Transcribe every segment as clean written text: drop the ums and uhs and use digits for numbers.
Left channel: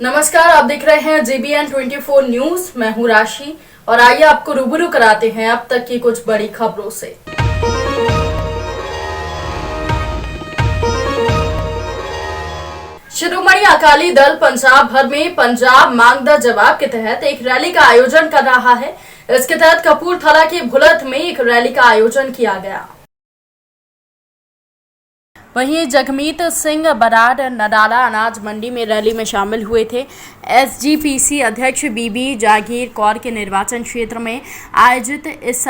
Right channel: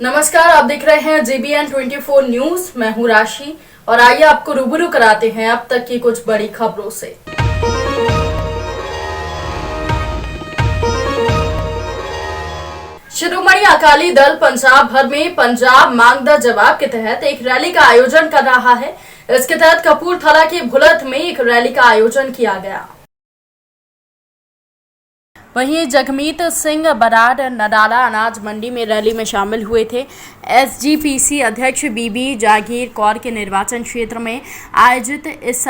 नमस्कार, आप देख रहे हैं JBN 24 न्यूज। मैं हूं राशि और आइए आपको रूबरू कराते हैं अब तक की कुछ बड़ी खबरों से। शिरोमणि अकाली दल पंजाब भर में पंजाब मांग द जवाब के तहत एक रैली का आयोजन कर रहा है। इसके तहत कपूरथला के भुलत में एक रैली का आयोजन किया गया। वहीं जगमीत सिंह बराड़ नडाला अनाज मंडी में रैली में शामिल हुए थे। SGPC अध्यक्ष बीबी जागीर कौर के निर्वाचन क्षेत्र में आयोजित इस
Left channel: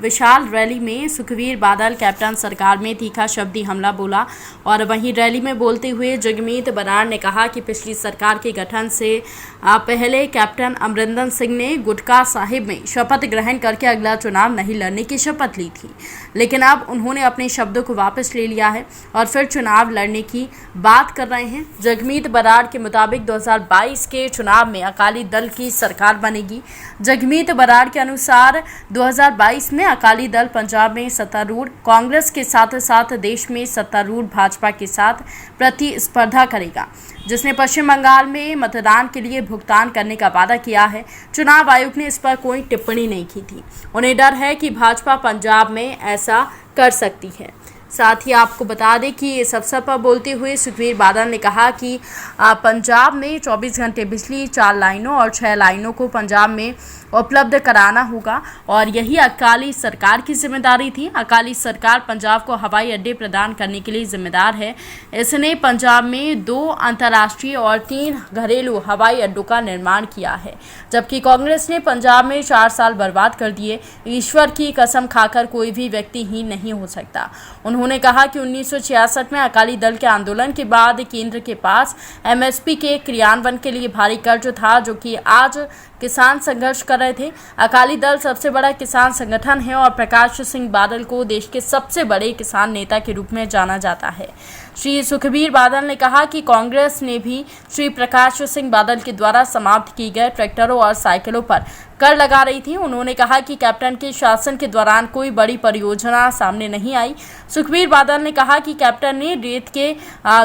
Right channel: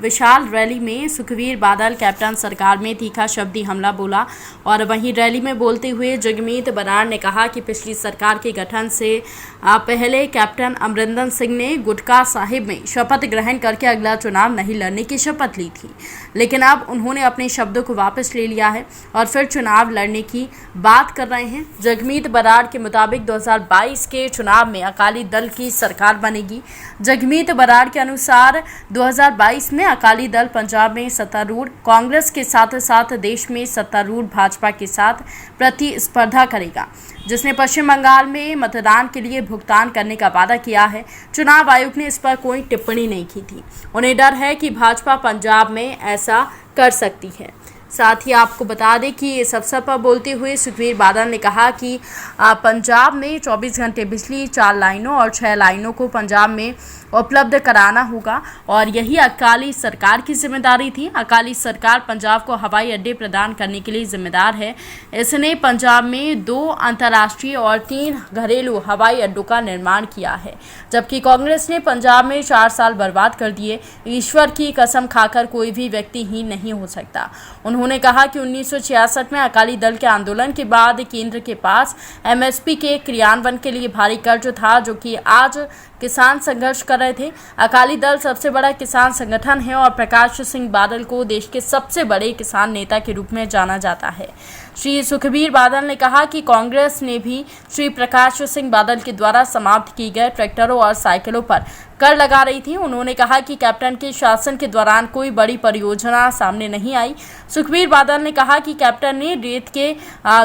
विशाल रैली में सुखबीर बादल कैप्टन सरकार में तीखा शब्दी हमला बोला। और वहीं रैली में बोलते हुए जगमीत बराड़ ने कहा कि पिछली सरकार के गठन से पहले कैप्टन अमरिंदर सिंह ने गुटका साहिब में शपथ ग्रहण करके अगला चुनाव नहीं लड़ने की शपथ ली थी, लेकिन अब उन्होंने अपने शब्दों को वापस ले लिया है और फिर चुनाव लड़ने की बात कर रहे हैं। जगमीत बराड़ के मुताबिक 2022 के चुनाव में अकाली दल की सरकार बनेगी। जगमीत बराड़ के अनुसार 2022 में अकाली दल पंजाब में सत्तारूढ़ कांग्रेस के साथ साथ देश में सत्तारूढ़ भाजपा के साथ प्रतिस्पर्धा करेगा, जिसने पश्चिम बंगाल में मतदान के लिए भुगतान करने का वादा किया है। चुनाव आयोग ने इस पर कोई टिप्पणी नहीं की थी। उन्हें डर है कि भाजपा पंजाब में ऐसा कर सकती है। साथ ही आपको बता दें कि इस अवसर पर बोलते हुए सुखबीर बादल ने कहा कि पंजाब में 24 घंटे बिजली 4 लाइनों और 6 लाइनों को पंजाब में उपलब्ध कराना होगा और यही अकाली सरकार की जिम्मेदारी थी। अकाली सरकार पंजाब को हवाई अड्डे प्रदान करने के लिए जिम्मेदार है। इसने पंजाब में 2 अंतर्राष्ट्रीय और 3 घरेलू हवाई अड्डों का निर्माण किया है, जबकि कांग्रेस ने पंजाब में 4 साल बर्बाद कर दिए। ईश्वर की कसम खाकर कोई भी व्यक्तिहीन नहीं हो सकता। उन्होंने कहा कि 1966 में अकाली दल के आंदोलन के बाद केंद्र के पास MSP के क्रियान्वयन के लिए भारी कर्ज था, जो कि आज किसान संघर्ष कर रहे थे। अकाली दल सबसे बड़ा किसान संगठन है और प्रकाश सिंह बादल को देश के सबसे बड़े किसान नेता के रूप में जाना जाता है। श्री सुखबीर बादल ने कहा कि कांग्रेस ने भी श्री प्रकाश सिंह बादल के द्वारा समाप्त किए गए ट्रैक्टरों और साइकिलों पर कर लगा रही थी। उन्होंने कहा कि कैप्टन के शासन के दौरान कोई बड़ी परियोजना सामने नहीं आई। सुखबीर बादल ने कहा कि कैप्टन ने रेत के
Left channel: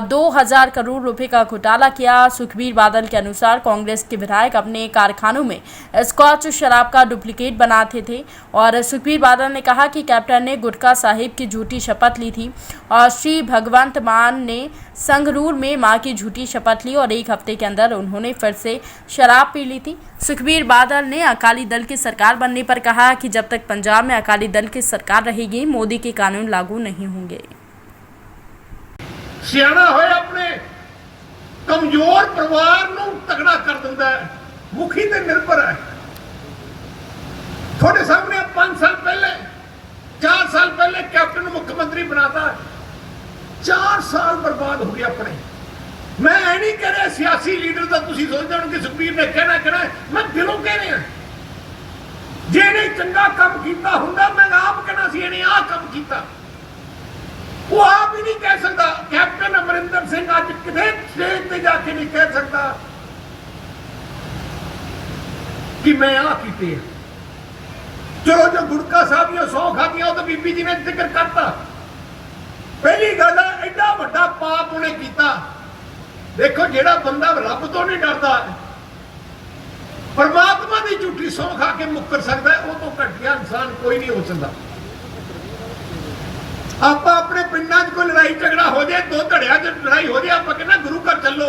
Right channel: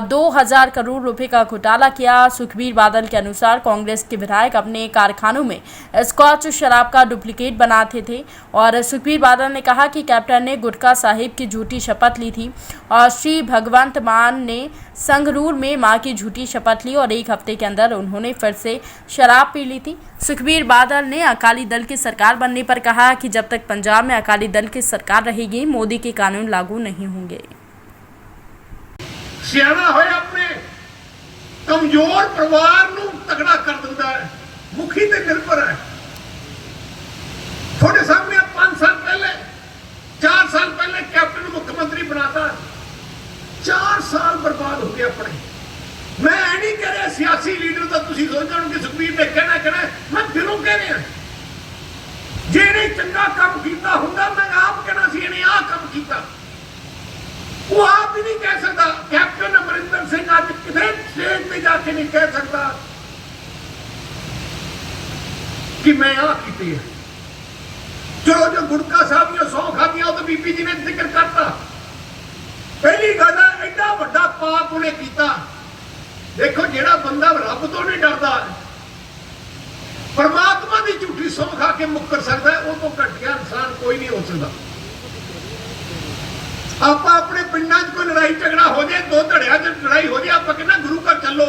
2000 करोड़ रुपए का घोटाला किया। सुखबीर बादल के अनुसार कांग्रेस के विधायक अपने कारखानों में स्कॉच शराब का डुप्लीकेट बनाते थे। और सुखबीर बादल ने कहा कि कैप्टन ने गुटका साहिब की झूठी शपथ ली थी और श्री भगवंत मान ने संगरूर में मां की झूठी शपथ ली और 1 हफ्ते के अंदर उन्होंने फिर से शराब पी ली थी। सुखबीर बादल ने अकाली दल की सरकार बनने पर कहा कि जब तक पंजाब में अकाली दल की सरकार रहेगी, मोदी के कानून लागू नहीं होंगे। सियाना होए अपने कमजोर परिवार नूं तगड़ा कर दिंदा है, मुखी ते निर्भर है। थोड़े सामने 5 साल पहले 4 साल पहले कैप्टन मुख्यमंत्री बनाता, 4 साल बर्बाद हो गया अपने। मैं नहीं कह रहा सियासी लीडर का तुम सोचते हो कि सुखबीर ने कहना मैं दिलों कह रहा जेने चंगा काम किया होंगे मैं आप कहना सी इन्हें आ काम किया। वो आप ही नहीं कह सकता। कैप्टन अमरिंदर सिंह अज किसी स्टेज पे जाके नहीं कह सकता कि मैं आ की है। चलो जो गुटका साहब 100 खादियां तो बीबी जी ने जिक्र करता। पहली गल एडा बड़ा पाप उन्हें किया। देखो जेड़ा बंदा रब तो नहीं डरता, परमात्मा की झूठी सौं खा के मुकर सकता है, वो तो घटिया इंसान कोई नहीं हो सकता। आप अपने पिंडा च कोई लड़ाई झगड़ा हो जाए, 2 धड़िया च लड़ाई हो जाए, आप कहना गुरु घर चलो।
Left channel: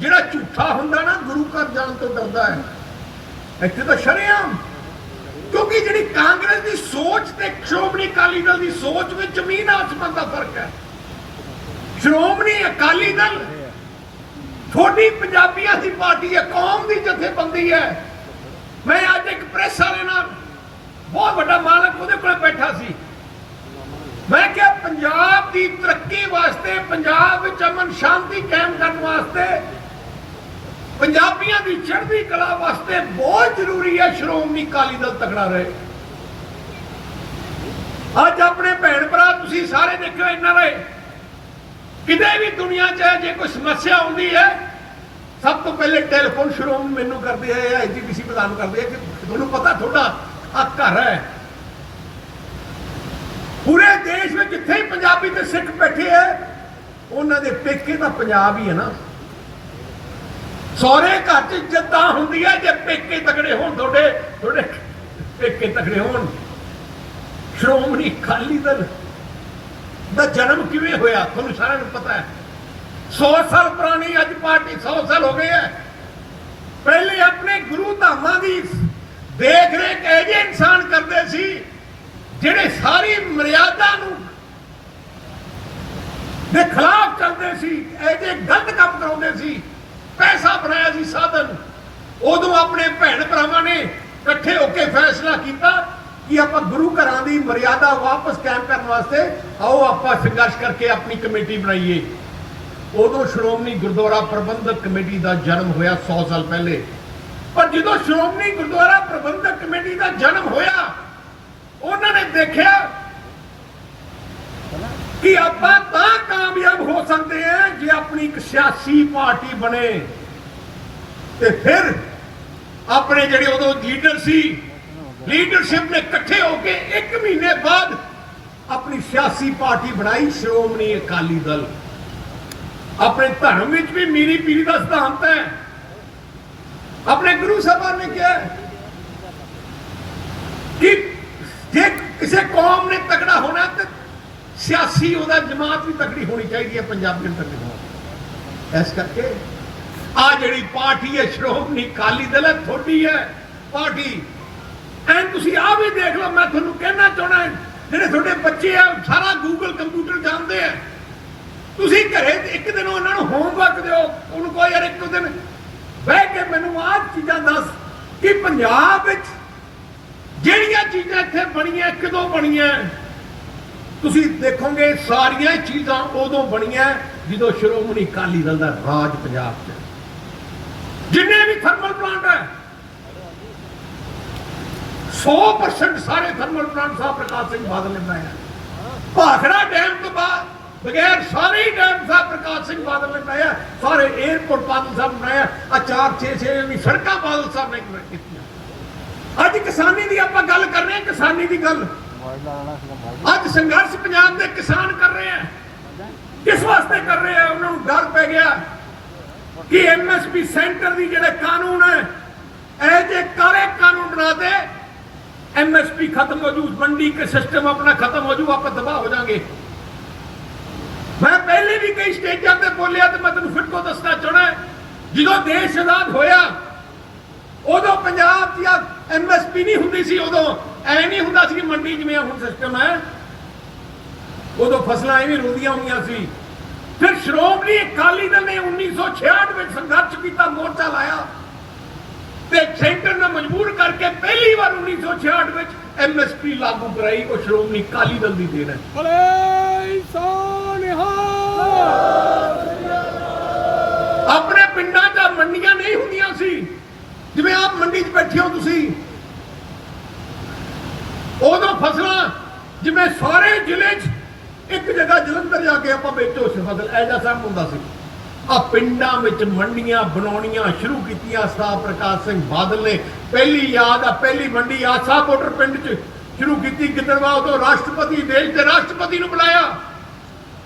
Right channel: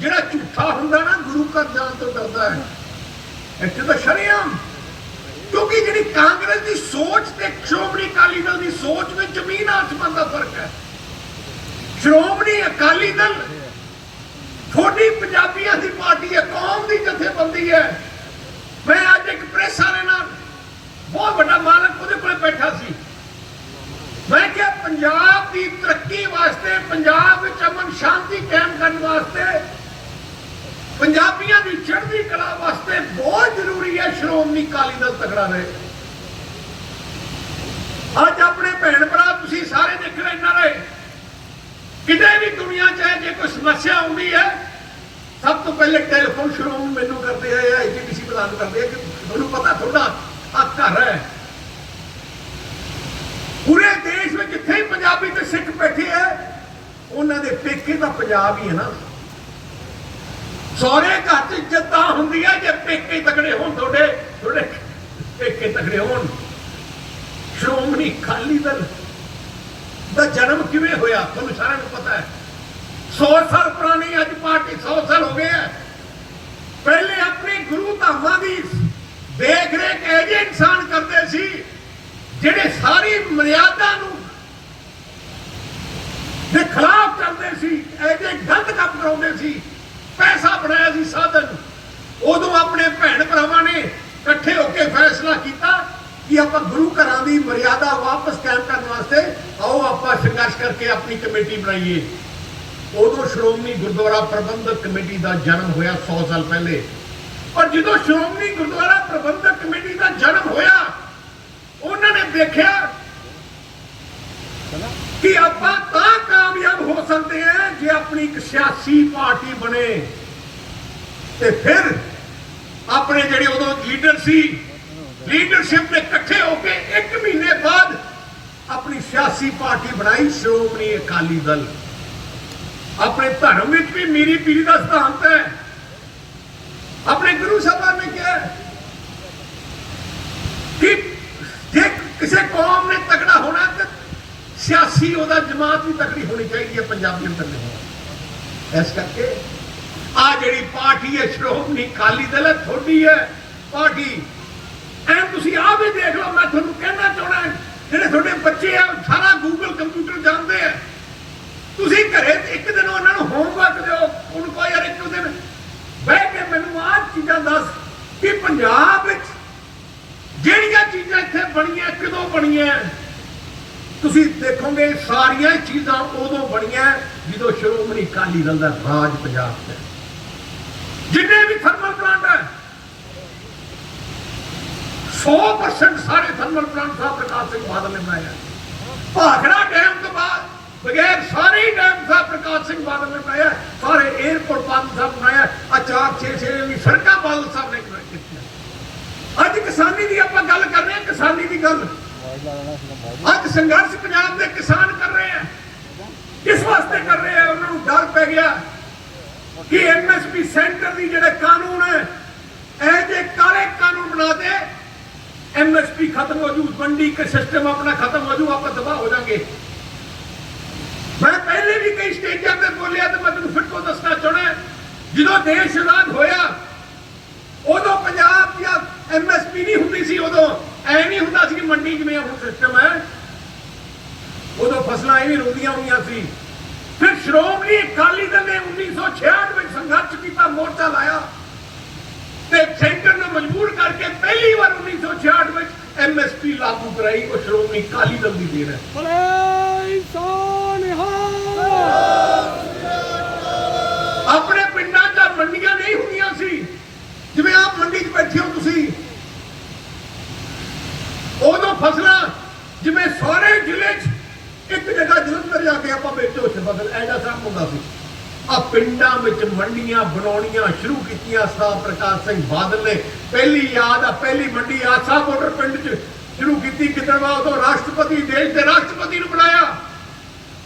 जेड़ा झूठा होंदा ना गुरु घर जान तो डरदा है। इत्थे तो शरेआम, क्योंकि जी कांग्रेस की सोच ते श्रोमणी अकाली दल की सोच में जमीन आसमान का फर्क है। श्रोमणी अकाली दल थोड़ी पंजाबियों की पार्टी है, कौम की जथेबंदी है। मैं आज एक प्रेस वाले ना बहुत बड़ा मालक उहदे कोल बैठा सी। मैं क्या पंजाब की तरक्की वास्ते, पंजाब विच अमन शांति कायम करने वास्ते, पंजाबियों की चढ़ती कला वास्ते बहुत जरूरी है श्रोमणी अकाली दल तगड़ा रहे। अज अपने भैन भरा तुसीं सारे देखो NRI किते भी दुनिया च जो कोई समस्या आती है, सब तो पहले टेलीफोन श्रोमणी मैनू करते हैं, IGPC प्रदान करते हैं कि मैनू पता थोड़ा आ घर है। पूरे देश में जिथे ही पंजाबी ते सिख बैठे है, उन्होंने पेके का पंजाब ही है ना। ਸਹੁਰੇ ਘਰ 'ਚ ਇੱਜ਼ਤ ਤਾਂ ਹੁੰਦੀ ਹੈ ਜੇ ਪੇਕੇ ਤਕੜੇ ਹੋਣ, ਤੁਹਾਡੇ ਪੇਕੇ ਤਕੜੇ ਹੋਣ। ਸ਼੍ਰੋਮਣੀ ਅਕਾਲੀ ਦਲ ਦਾ ਜਨਮ ਕਿਵੇਂ ਹੋਇਆ ਤੁਹਾਨੂੰ ਸਾਰਿਆਂ ਨੂੰ ਪਤਾ ਹੈ। 100 ਸਾਲ ਪੁਰਾਣੀ ਅੱਜ ਪਾਰਟੀ 100 ਸਾਲ ਹੋ ਗਏ ਹੈ। ਪਹਿਲੇ ਆਪਣੇ ਗੁਰੂ ਧਾਮਾਂ ਦੀ ਦੇਖ ਰੇਖ ਇਹ ਜਿਹੇ ਇਨਸਾਨ ਕਰਦੇ ਸੀ ਜਿਹੜੇ ਸਾਰੀ ਮਰਿਆਦਾ ਨੂੰ ਦੇ ਖਿਲਾਫ ਚੱਲਦੇ ਸੀ, ਇਹ ਜਿਹੇ ਗਲਤ ਕੰਮ ਕਰਾਉਂਦੇ ਸੀ, ਪੈਸਾ ਬਣਾਇਆ ਸੀ ਸਾਧਨ। ਉਦੋਂ ਆਪਣੇ ਭੈਣ ਭਰਾਵਾਂ ਨੇ ਇਕੱਠੇ ਹੋ ਕੇ ਫੈਸਲਾ ਕੀਤਾ ਕਿ ਆਪਾਂ ਗੁਰੂ ਘਰਾਂ ਦੀ ਮਰਿਆਦਾ ਵਾਪਸ ਕਾਇਮ ਕਰਨ ਵਾਸਤੇ ਆਓ ਆਪਾਂ ਸੰਘਰਸ਼ ਕਰਕੇ ਆਪਣੀ ਕਮੇਟੀ ਬਣਾਈਏ। ਉਦੋਂ ਸ਼੍ਰੋਮਣੀ ਗੁਰਦੁਆਰਾ ਪ੍ਰਬੰਧਕ ਕਮੇਟੀ ਦਾ ਜਨਮ ਹੋਇਆ 100 ਸਾਲ ਪਹਿਲੇ। ਪਰ ਜਦੋਂ ਸ਼੍ਰੋਮਣੀ ਗੁਰਦੁਆਰਾ ਪ੍ਰਬੰਧਕ ਕਮੇਟੀ ਦਾ ਜਨਮ ਹੋਇਆ, ਉਹਨਾਂ ਨੇ ਦੇਖਿਆ ਕਿ ਆਪਾਂ ਤਾਂ ਕਾਮਯਾਬ ਹੋ ਸਕਦੇ ਹਾਂ ਜੇ ਆਪਣੀ ਇੱਕ ਸਿਆਸੀ ਪਾਰਟੀ ਬਣੇ। ਤੇ ਫਿਰ ਆਪਣੇ ਜਿਹੜੇ ਉਦੋਂ ਲੀਡਰ ਸੀ, ਲੀਡਰਸ਼ਿਪ ਨੇ ਇਕੱਠੇ ਹੋ ਕੇ 1 ਮਹੀਨੇ ਬਾਅਦ ਆਪਣੀ ਸਿਆਸੀ ਪਾਰਟੀ ਬਣਾਈ, ਸ਼੍ਰੋਮਣੀ ਅਕਾਲੀ ਦਲ। ਆਪਣੇ ਧਰਮ ਵਿੱਚ ਵੀ ਮੀਰੀ ਪੀਰੀ ਦਾ ਸਿਧਾਂਤ ਹੈ। ਆਪਣੇ ਗੁਰੂ ਸਾਹਿਬਾਨ ਨੇ ਕਿਹਾ ਕਿ ਜੇ ਕਿਸੇ ਕੌਮ ਨੇ ਤਕੜਾ ਹੋਣਾ ਤੇ ਸਿਆਸੀ ਉਹਦਾ ਜਮਾਤ ਵੀ ਤਕੜੀ ਹੋਣੀ ਚਾਹੀਦੀ ਹੈ, ਪੰਜਾਬੀਆਂ ਤਕੜੇ ਹੋਣਾ। ਇਸ ਕਰਕੇ ਆ ਜਿਹੜੀ ਪਾਰਟੀ ਹੈ ਸ਼੍ਰੋਮਣੀ ਅਕਾਲੀ ਦਲ ਹੈ, ਤੁਹਾਡੀ ਹੈ ਪਾਰਟੀ। ਐਂ ਤੁਸੀਂ ਆ ਵੀ ਦੇਖ ਲਓ, ਮੈਂ ਤੁਹਾਨੂੰ ਕਹਿਣਾ ਚਾਹਣਾ, ਜਿਹੜੇ ਤੁਹਾਡੇ ਬੱਚੇ ਆ ਸਾਰਾ ਗੂਗਲ ਕੰਪਿਊਟਰ ਜਾਣਦੇ ਆ। ਤੁਸੀਂ ਘਰੇ ਇੱਕ ਦਿਨ ਉਹਨਾਂ ਨੂੰ ਹੋਮਵਰਕ ਦਿਓ, ਉਹਨੂੰ ਕਹੋ ਯਾਰ ਇੱਕ ਦਿਨ ਬਹਿ ਕੇ ਮੈਨੂੰ ਆਹ ਚੀਜ਼ਾਂ ਦੱਸ ਕਿ ਪੰਜਾਬ ਵਿੱਚ ਜਿਹੜੀਆਂ ਚੀਜ਼ਾਂ ਇੱਥੇ ਬਣੀਆਂ ਕਦੋਂ ਬਣੀਆਂ। ਤੁਸੀਂ ਦੇਖੋਗੇ ਸਾਰੀਆਂ ਚੀਜ਼ਾਂ ਉਦੋਂ ਬਣੀਆਂ ਜਦੋਂ ਸ਼੍ਰੋਮਣੀ ਅਕਾਲੀ ਦਲ ਦਾ ਰਾਜ ਪੰਜਾਬ 'ਚ। ਜਿੰਨੇ ਵੀ ਥਰਮਲ ਪਲਾਂਟ ਹੈ 100% ਸਾਰੇ ਥਰਮਲ ਪਲਾਂਟ ਸਾਹਿਬ ਪ੍ਰਕਾਸ਼ ਸਿੰਘ ਬਾਦਲ ਨੇ ਬਣਾਇਆ। ਭਾਖੜਾ ਡੈਮ ਤੋਂ ਬਾਅਦ ਬਗੈਰ ਸਾਰੇ ਡੈਮ ਸਾਹਿਬ ਪ੍ਰਕਾਸ਼ ਸਿੰਘ ਬਾਦਲ ਨੇ ਬਣਾਇਆ। ਸਾਰੇ 에ਅਰਪੋਰਟ ਬਾਦਲ ਸਾਹਿਬ ਬਣਾਇਆ। ਆ 4-6 ਵੀ ਸੜਕਾਂ ਬਾਦਲ ਸਾਹਿਬ ਨੇ ਕੀਤੀਆਂ। ਅੱਜ ਕਿਸਾਨੀ ਦੀ ਆਪਾਂ ਗੱਲ ਕਰ ਰਹੇ ਹਾਂ, ਕਿਸਾਨੀ ਦੀ ਗੱਲ ਅੱਜ ਸੰਘਰਸ਼ ਪੰਜਾਬ ਦੇ ਕਿਸਾਨ ਕਰ ਰਹੇ ਆ। ਕਿਸ ਵਾਸਤੇ ਕਰ ਰਹੇ ਆ? ਉਹਨਾਂ ਨੂੰ ਡਰ ਪੈ ਗਿਆ ਕਿ ਐਮਐਸਪੀ ਸੈਂਟਰ ਦੀ ਜਿਹੜੇ ਕਾਨੂੰਨ ਹੈ ਇਹ ਜੇ ਕਾਲੇ ਕਾਨੂੰਨ ਬਣਾ ਦੇ, एमएसपी खत्म हो जू, मंडी के सिस्टम अपना खत्म हो जू, आप तबाह हो जाएंगे। मैं पहले भी कई स्टेजां पे बोलिया तो मैं तुम फिर तो दसना चाहना है, जो देश आजाद होया उदों पंजाब दी एमएसपी नहीं हुंदी सी, उदों ऐ नहीं हुंदा सी कि मंडी जिवें हुण सिस्टम है, उदों फसलां इवें रुंदियां होईयां सी। फिर श्रोमणी अकाली दल ने 1966 में संघर्ष किया, मोर्चा लाया ते सेंटर ने मजबूर करके पहली बार 1966 में एमएसपी लागू कराई। वो श्रोमणी अकाली दल की देन है। अपने पिंडां च मंडियां नहीं हुंदियां सी, जिवें आप मंडी च बैठे हो तुसीं, उदों फसलां जिवें सारे जिले च एक जगह जलंधर जाके आप बेचो फसल, ऐसा सब हुंदा सी। आ पिंडां विच मंडियां बनाउणियां शुरू कीतियां सरदार प्रकाश सिंह बादल ने। पहली याद आ, पहली मंडी आसा बॉर्डर पिंड च शुरू की। गिदड़वा उदों राष्ट्रपति देश के राष्ट्रपति नूं बुलाया,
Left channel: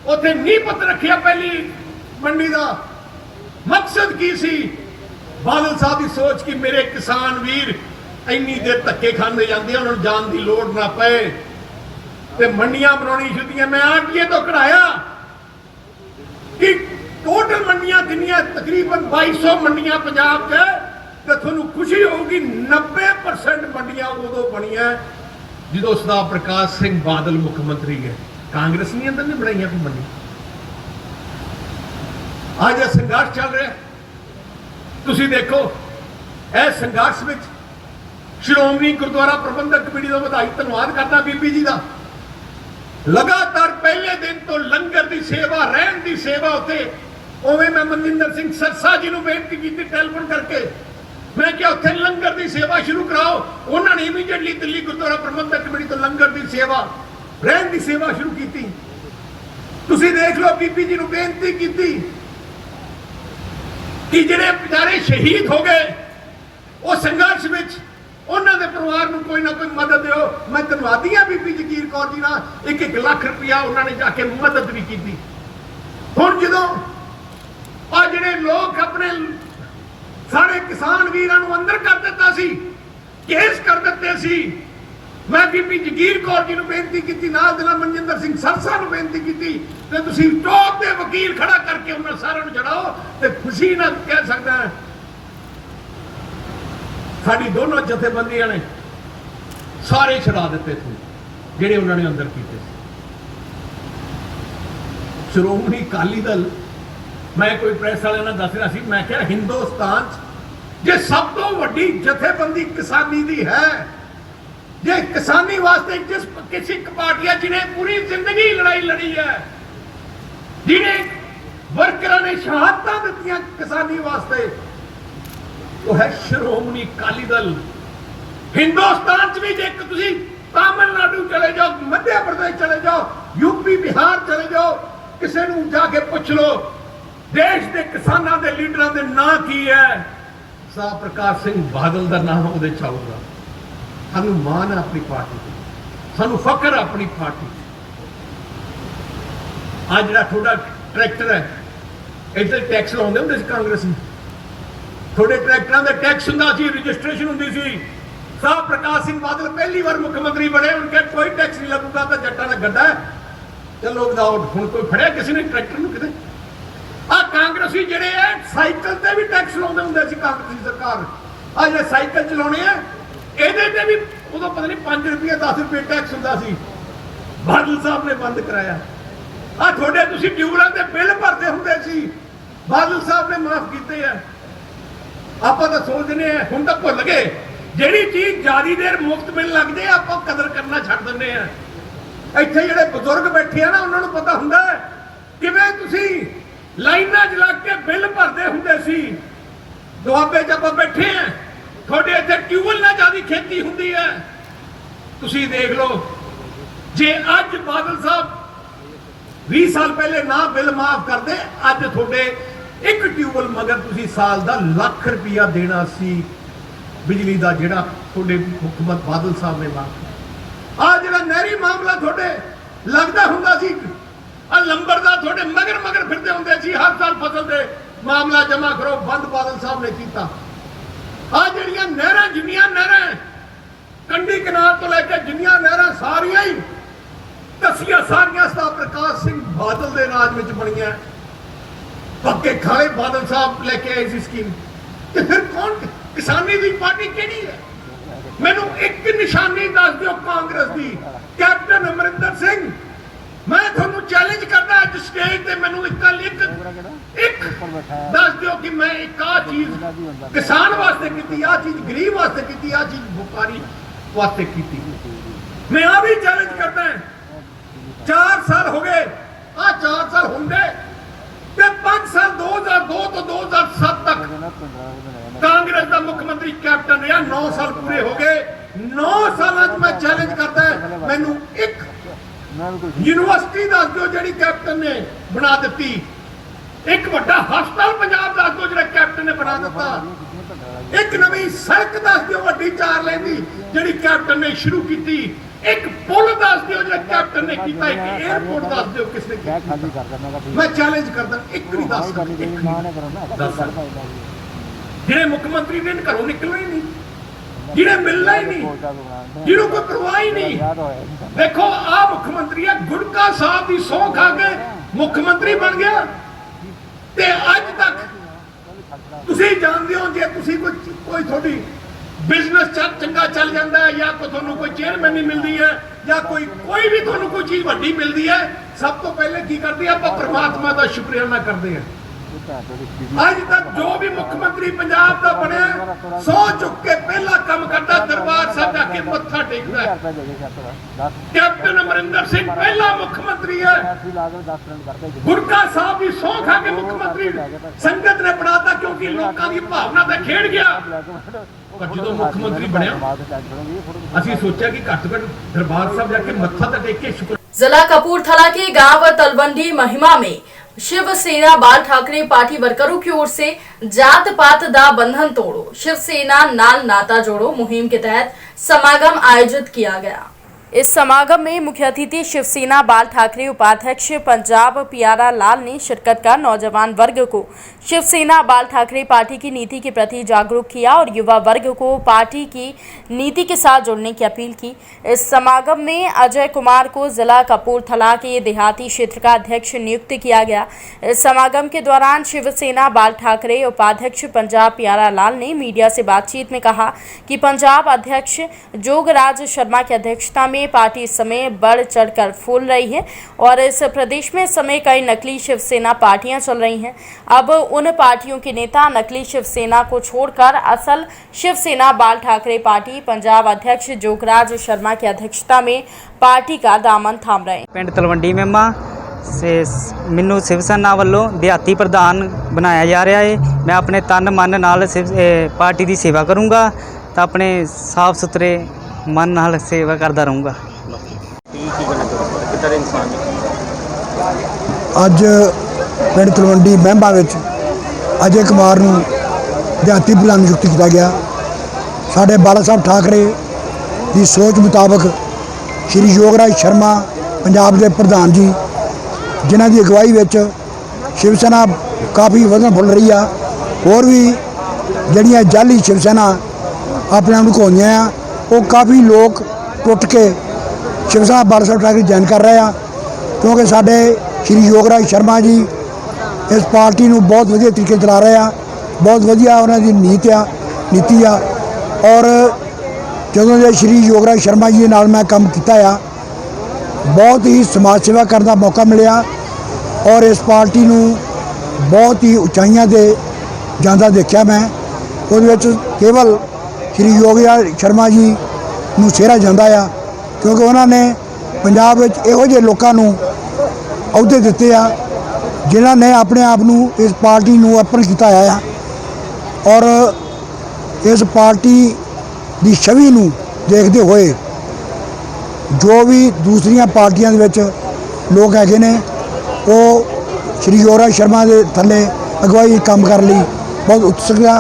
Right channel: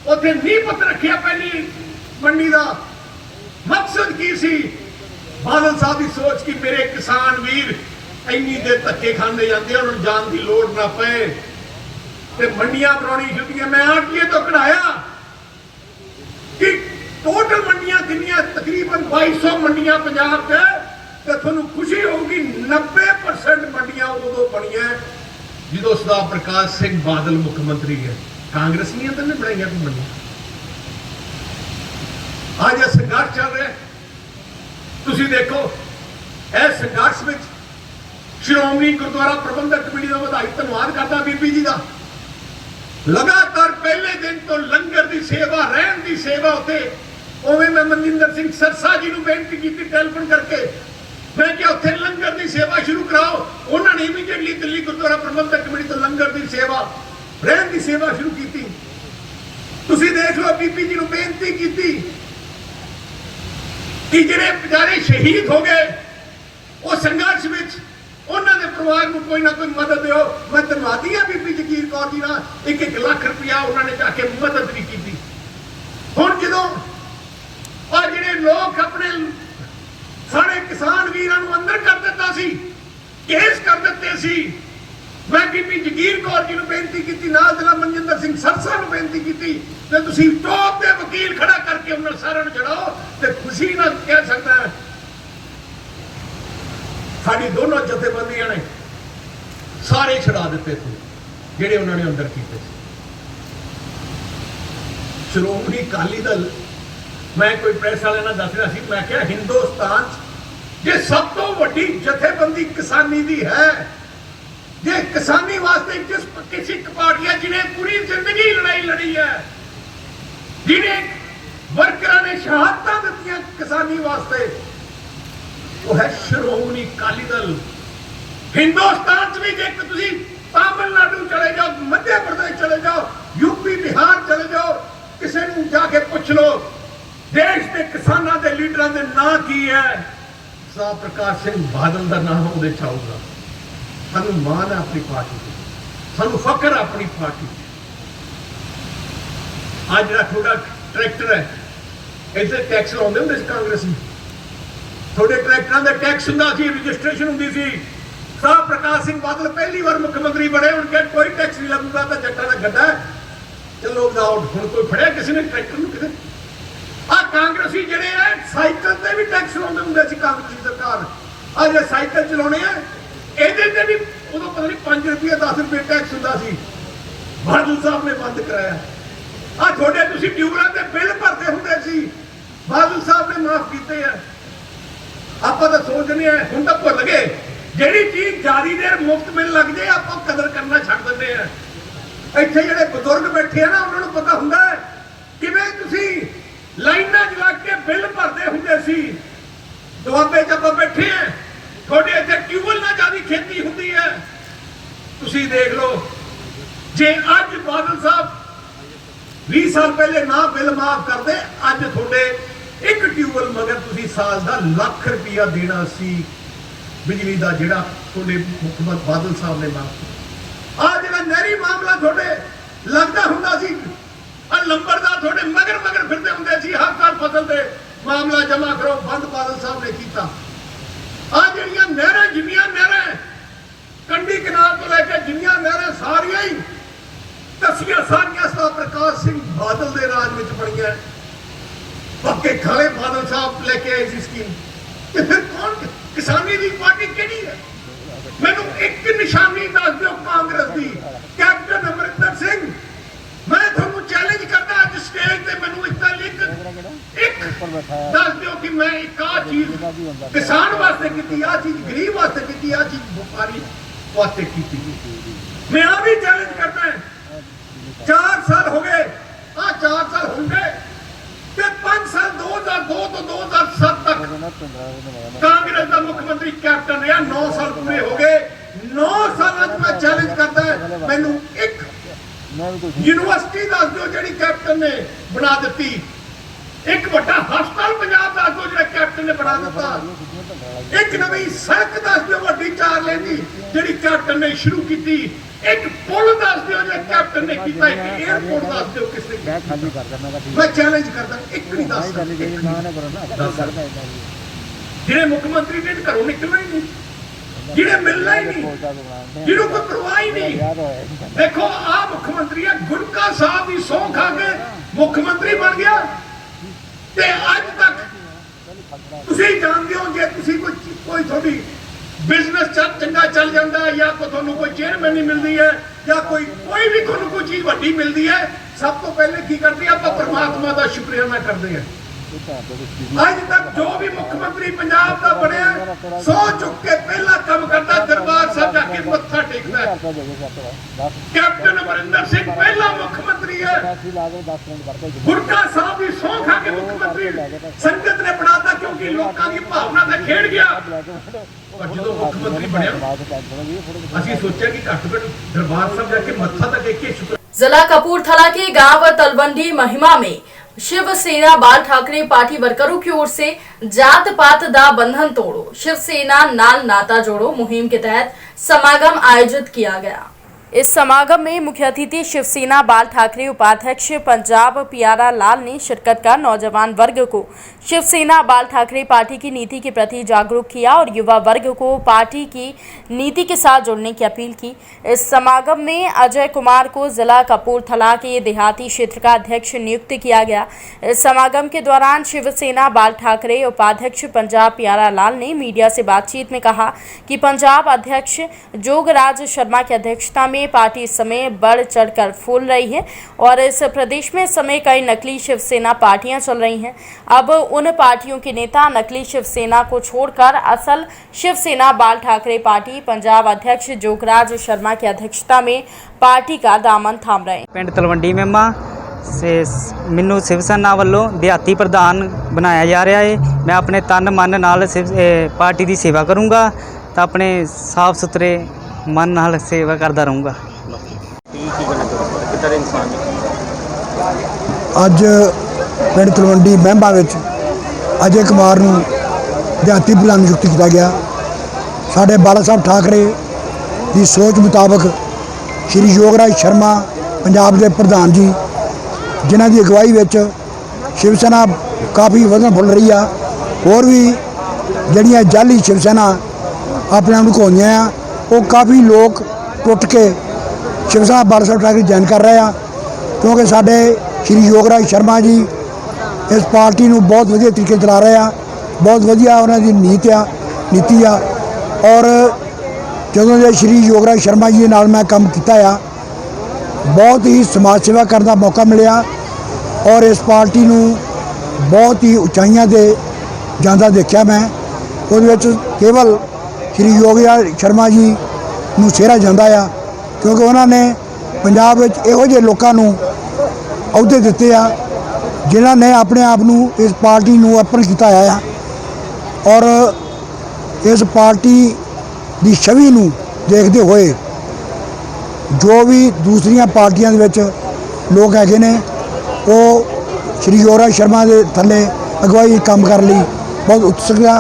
उत्थे नींह पत्थर रखिया पहली मंडी का। मकसद की सी? बादल साहब की सोच कि मेरे किसान वीर इन्नी देर धक्के खाने जाते, उन्होंने जान की लोड़ ना पए ते मंडियां बनाउणी शुरू। मैं आरटीए तो कढ़ाया कि टोटल मंडियां कितनियां, तकरीबन 2200 मंडियां पंजाब च, तो तुहानूं खुशी होगी 90% मंडियां उदों बणियां जो सरदार प्रकाश सिंह बादल मुख्यमंत्री है। कांग्रेसियां तो नहीं बनाईयां कोई मंडी। आज यह संघर्ष चल रहा है, तुसीं देखो इह संघर्ष में श्रोमणी गुरुद्वारा प्रबंधक कमेटी का वधाई धन्नवाद करता बीबी जी का। लगातार पहले दिन तो लंगर की सेवा, रहन की सेवा उत्ते उवें मैं मनजिंदर सिंह सरसा जी को बेनती की टैलीफोन करके, मैं क्या उत्थे लंगर की सेवा शुरू कराओ। उन्होंने इमीडिएटली दिल्ली गुरुद्वारा प्रबंधक कमेटी तो लंगर की सेवा, रहन की सेवा शुरू की। तुसीं देख लो बीबी जी को बेनती की कि जिहड़े बेचारे शहीद हो गए वो संघर्ष में उन्होंने परिवार को कोई ना कोई मदद दो। मैं धन्नवादी हाँ बीबी जगीर कौर जी ना, 1-1 लाख रुपया उन्होंने जाके मदद भी की। हुण जदों आ जिहड़े लोग अपने सारे किसान वीरां नूं अंदर कर दिता सी, केस कर दिते सी। मैं बीबी जगीर कौर जी नूं बेनती कीती, नाल दे नाल मनजिंदर सिंह सरसा नूं बेनती कीती ते तुसीं टॉप दे वकील खड़ा करके उन्हां सारिਆਂ नूं छड़ाओ ते खुशी नाल कह सकदा है साडी दोनों जथेबंदियां ने सारे छड़ा दिते थे जिहड़े उन्होंने अंदर कीते सी। श्रोमणी अकाली दल, मैं कोई प्रेस वाले नाल दस रहा सी, मैं क्या हिंदुस्तान जे सब तो वड्डी जथेबंदी किसानी दी है, जे किसानी वास्ते जिस किसी पार्टी है जिन्हें पूरी जिंदगी लड़ाई लड़ी है, जिन्हें वर्करां ने शहादतां दित्तियां किसानी वास्ते, वो है श्रोमणी अकाली दल। हिंदुस्तान च भी जे तुसीं तमिलनाडु चले जाओ, मध्य प्रदेश चले जाओ, यूपी बिहार चले जाओ, किसी नूं जाके पुछ लो देश के किसानां दे लीडरां दे नाम की है, सा प्रकाश सिंह बादल का नाम उहदे च आऊगा। सानू मान है अपनी पार्टी से, सानू फकर है अपनी पार्टी। आज जिहड़ा थोड़ा ट्रैक्टर है इधर टैक्स लाउंदे हुंदे सी कांग्रेस में, थोड़े ट्रैक्टरां दे टैक्स हुंदा सी, रजिस्ट्रेशन हुंदी सी। साह प्रकाश सिंह बादल पहली बार मुख्यमंत्री बने, उनके कोई टैक्स नहीं लगूगा तो जट्टां दा गड्ढा है, चलो विदाउट। हुण कोई फड़िया किसी ने ट्रैक्टर नूं किते? आ कांग्रेसी जिहड़े है साइकिल ते भी टैक्स लाउंदे हुंदे सी कांग्रेसी सरकार। आ जे साइकिल चलाउणे आ ਇਹਦੇ ਤੇ ਵੀ ਉਦੋਂ ਪਤਾ ਨਹੀਂ 5 ਰੁਪਏ 10 ਰੁਪਏ ਟੈਕਸ ਹੁੰਦਾ ਸੀ, ਬਾਦਲ ਸਾਹਿਬ ਨੇ ਬੰਦ ਕਰਾਇਆ। ਆ ਤੁਹਾਡੇ ਤੁਸੀਂ ਟਿਊਬਲਾਂ ਦੇ ਬਿੱਲ ਭਰਦੇ ਹੁੰਦੇ ਸੀ, ਬਾਦਲ ਸਾਹਿਬ ਨੇ ਮਾਫ ਕੀਤੇ ਆ। ਆਪਾਂ ਤਾਂ ਸੋਚਦੇ ਆ ਹੁਣ ਤਾਂ ਭੁੱਲ ਗਏ, ਜਿਹੜੀ ਚੀਜ਼ ਜਾਰੀ ਦੇਰ ਮੁਫਤ ਮਿਲਣ ਲੱਗ ਜਾਏ ਆਪਾਂ ਕਦਰ ਕਰਨਾ ਛੱਡ ਦਿੰਦੇ ਆ। ਇੱਥੇ ਜਿਹੜੇ ਬਜ਼ੁਰਗ ਬੈਠੇ ਆ ਨਾ ਉਹਨਾਂ ਨੂੰ ਪਤਾ ਹੁੰਦਾ ਕਿਵੇਂ ਤੁਸੀਂ ਲਾਈਨਾਂ 'ਚ ਲੱਗ ਕੇ ਬਿੱਲ ਭਰਦੇ ਹੁੰਦੇ ਸੀ। ਦੁਆਬੇ 'ਚ ਆਪਾਂ ਬੈਠੇ ਆ, थोड़े इतने ट्यूबल ना ज्यादा खेती होती है। तुसी देख लो जे अज बादल साहब 20 साल पहले ना बिल माफ करते, अज थोड़े एक ट्यूबल मगर तुसी साल का लाख रुपया देना सी बिजली का, जिहड़ा थोड़े मुख्यमंत्री बादल साहब ने माफ किया। आ जिहड़ा नहरी मामला थोड़े लगता हुंदा सी, आ लंबरदार थोड़े मगर मगर फिरते हुंदे सी, हर साल फसल दे मामला जमा करो, बंद बादल साहब ने किया। आ जड़ियां नहरां, जिन्नियां नहरां कंडी किनार तो लेकर जिन्नियां नहरां सारियां ही दसियां सारियां सा प्रकाश सिंह बादल दे राज विच बणियां। पक्के खाले बादल साहब लेके आए सी स्कीम, ते फिर कौन किसानी दी पार्टी किहड़ी है? मैनूं एक निशानी दस दिओ कांग्रेस दी, कैप्टन अमरिंदर सिंह। मैं तुहानूं चैलेंज करदा अज स्टेज ते मैनूं एक दस दिओ कि मैं एक आ चीज किसान वास्ते कीती, आ चीज गरीब वास्ते कीती, आ चीज व्यापारी वास्ते कीती। मैं आ भी चैलेंज करदा 4 साल हो गए, आ 4 साल होंगे ते 5 साल 2002 तो 2007 तक कांग्रेस का मुख्यमंत्री कैप्टन रहा, 9 साल पूरे हो गए। 9 साल मैं चैलेंज करता है मैनूं एक यूनिवर्सिटी दस दो जी कैप्टन ने बना दी, एक बड़ा हस्पताल पंजाब दस दो जो कैप्टन ने बना दिता, एक नवी सड़क दस दो वड्डी 4 लेन दी जी कैप्टन ने शुरू की, एक पुल दस दो जो कैप्टन ने किया, एक एयरपोर्ट दस दो किसने किया। मैं चैलेंज करता एक नहीं दस जिहड़े मुख्यमंत्री ने घरों निकलना ही नहीं, जिन्हें मिलना ही नहीं, जिन्हों को परवाह ही नहीं। देखो आ मुख्यमंत्री है, गुटका साहब की सौं खा के मुख्यमंत्री बन गया ते अज तक तुसीं जानदे हो जे तुसीं कोई थोड़ी बिजनेस चंगा चल जाता है या कोई चेयरमैन मिलती है या कोई भी कोई चीज वड्डी मिलती है, सब तो पहले की करते हैं परमात्मा का शुक्रियाना करते हैं। अज तक जो भी मुख्यमंत्री पंजाब का बनया सौ चुक के पहला काम करता दरबार साहब जाके मत्था टेकता है। कैप्टन अमरिंदर सिंह पहला मुख्यमंत्री है, गुरका साहब की सौं खा के मुख्यमंत्री संगत ने बनाता क्योंकि लोगों की भावना से खेड़ गया। जो मुख्यमंत्री बनया असीं सोचा कि घट घट दरबार साहब जाके मत्था तो टेक के शुक्र। जिला कपूरथला के गांव तलवंडी महिमा में शिवसेना बाल ठाकरे पार्टी वर्करों की ओर से जात पात दा बंधन तोड़ो, शिवसेना नाल नाता जोड़ो मुहिम के तहत समागम आयोजित किया गया। इस समागम में मुख्य अतिथि शिवसेना बाल ठाकरे उपाध्यक्ष पंजाब प्यारा लाल ने शिरकत कर नौजवान वर्ग को शिवसेना बाल ठाकरे पार्टी की नीति के प्रति जागरूक किया और युवा वर्ग को पार्टी की नीति के साथ जुड़ने की अपील की। इस समागम में अजय कुमार को जिला कपूरथला के देहाती क्षेत्र का अध्यक्ष नियुक्त किया गया। इस समागम के दौरान शिवसेना बाल ठाकरे उपाध्यक्ष पंजाब प्यारा लाल ने मीडिया से बातचीत में कहा कि पंजाब अध्यक्ष जोगराज शर्मा की अध्यक्षता में पार्टी इस समय बढ़ चढ़कर फूल रही है और इस प्रदेश में इस समय कई नकली शिवसेना पार्टियां चल रही हैं। अब उन पार्टियों के नेता नकली शिवसेना को छोड़कर असल शिवसेना बाल ठाकरे पार्टी पंजाब अध्यक्ष जोगराज शर्मा की अध्यक्षता में पार्टी का दामन थाम रहे हैं। पिंड तलवंडी मेमा से मैनू शिवसेना वालों देहाती प्रधान बनाया जा रहा है। मैं अपने तन मन नाल पार्टी की सेवा करूँगा तो अपने साफ सुथरे मन नाल सेवा करता रहूँगा। ਅੱਜ ਪਿੰਡ ਤਲਵੰਡੀ ਮਹਿੰਬਾ ਵਿੱਚ ਅਜੇ ਕੁਮਾਰ ਨੂੰ ਦਿਹਾਤੀ ਪ੍ਰਧਾਨ ਨਿਯੁਕਤ ਕੀਤਾ ਗਿਆ। ਸਾਡੇ ਬਾਲਾ ਸਾਹਿਬ ਠਾਕਰੇ ਦੀ ਸੋਚ ਮੁਤਾਬਕ ਸ਼੍ਰੀ ਯੋਗਰਾਜ ਸ਼ਰਮਾ ਪੰਜਾਬ ਦੇ ਪ੍ਰਧਾਨ ਜੀ ਜਿਨ੍ਹਾਂ ਦੀ ਅਗਵਾਈ ਵਿੱਚ ਸ਼ਿਵਸੈਨਾ ਕਾਫੀ ਵਧਣ ਫੁੱਲ ਰਹੀ ਆ। ਹੋਰ ਵੀ ਜਿਹੜੀਆਂ ਜਾਲੀ ਸ਼ਿਵਸੈਨਾ ਆਪਣੇ ਆਪ ਨੂੰ ਘੋਈਆਂ ਆ ਉਹ ਕਾਫੀ ਲੋਕ ਟੁੱਟ ਕੇ ਸ਼ਿਵਸੈਨਾ ਬਾਲਾ ਸਾਹਿਬ ਠਾਕਰੇ ਜੁਆਇਨ ਕਰ ਰਹੇ ਆ ਕਿਉਂਕਿ ਸਾਡੇ श्री योगराज शर्मा जी इस पार्टी ਨੂੰ बहुत ਵਧੀਆ तरीके चला रहे हैं। बहुत ਵਧੀਆ ਉਹਨਾਂ ਦੀ ਨੀਤੀ ਆ और ਜਦੋਂ ਦੇ श्री योगराज शर्मा जी ਨਾਲ मैं काम किया आ बहुत ही समाज सेवा करने का मौका मिला और इस पार्टी ਨੂੰ बहुत ही उचाइयां ਤੇ ਜਾਂਦਾ देखा मैं। ਉਹਦੇ ਵਿੱਚ केवल श्री योगराज शर्मा जी ਨੂੰ ਸਿਹਰਾ ਜਾਂਦਾ ਆ क्योंकि उन्होंने पंजाब ਵਿੱਚ ਇਹੋ ਜਿਹੇ ਲੋਕਾਂ ਨੂੰ अहुदे दिते आ जिन्होंने अपने आप नू इस पार्टी नू अर्पण किया है और इस पार्टी की छवि नू देखते हुए जो भी दूसरिया पार्टियां दे विच लोग हैगे ने वो श्री योगराज शर्मा के थले अगवाई काम कर ली बहुत उत्सुक आ।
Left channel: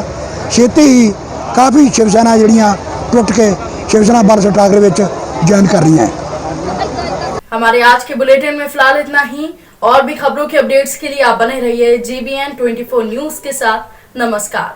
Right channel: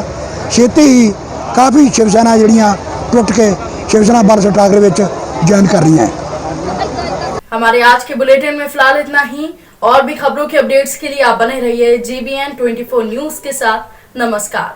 छेती ही काफ़ी शिवसेना जड़ियाँ टुट के शिवसेना बाला साहब ठाकरे विच ज्वाइन कर रही हैं। हमारे आज के बुलेटिन में फिलहाल इतना ही। और भी खबरों के अपडेट्स के लिए आप बने रहिए GBN 24 न्यूज़ के साथ। नमस्कार।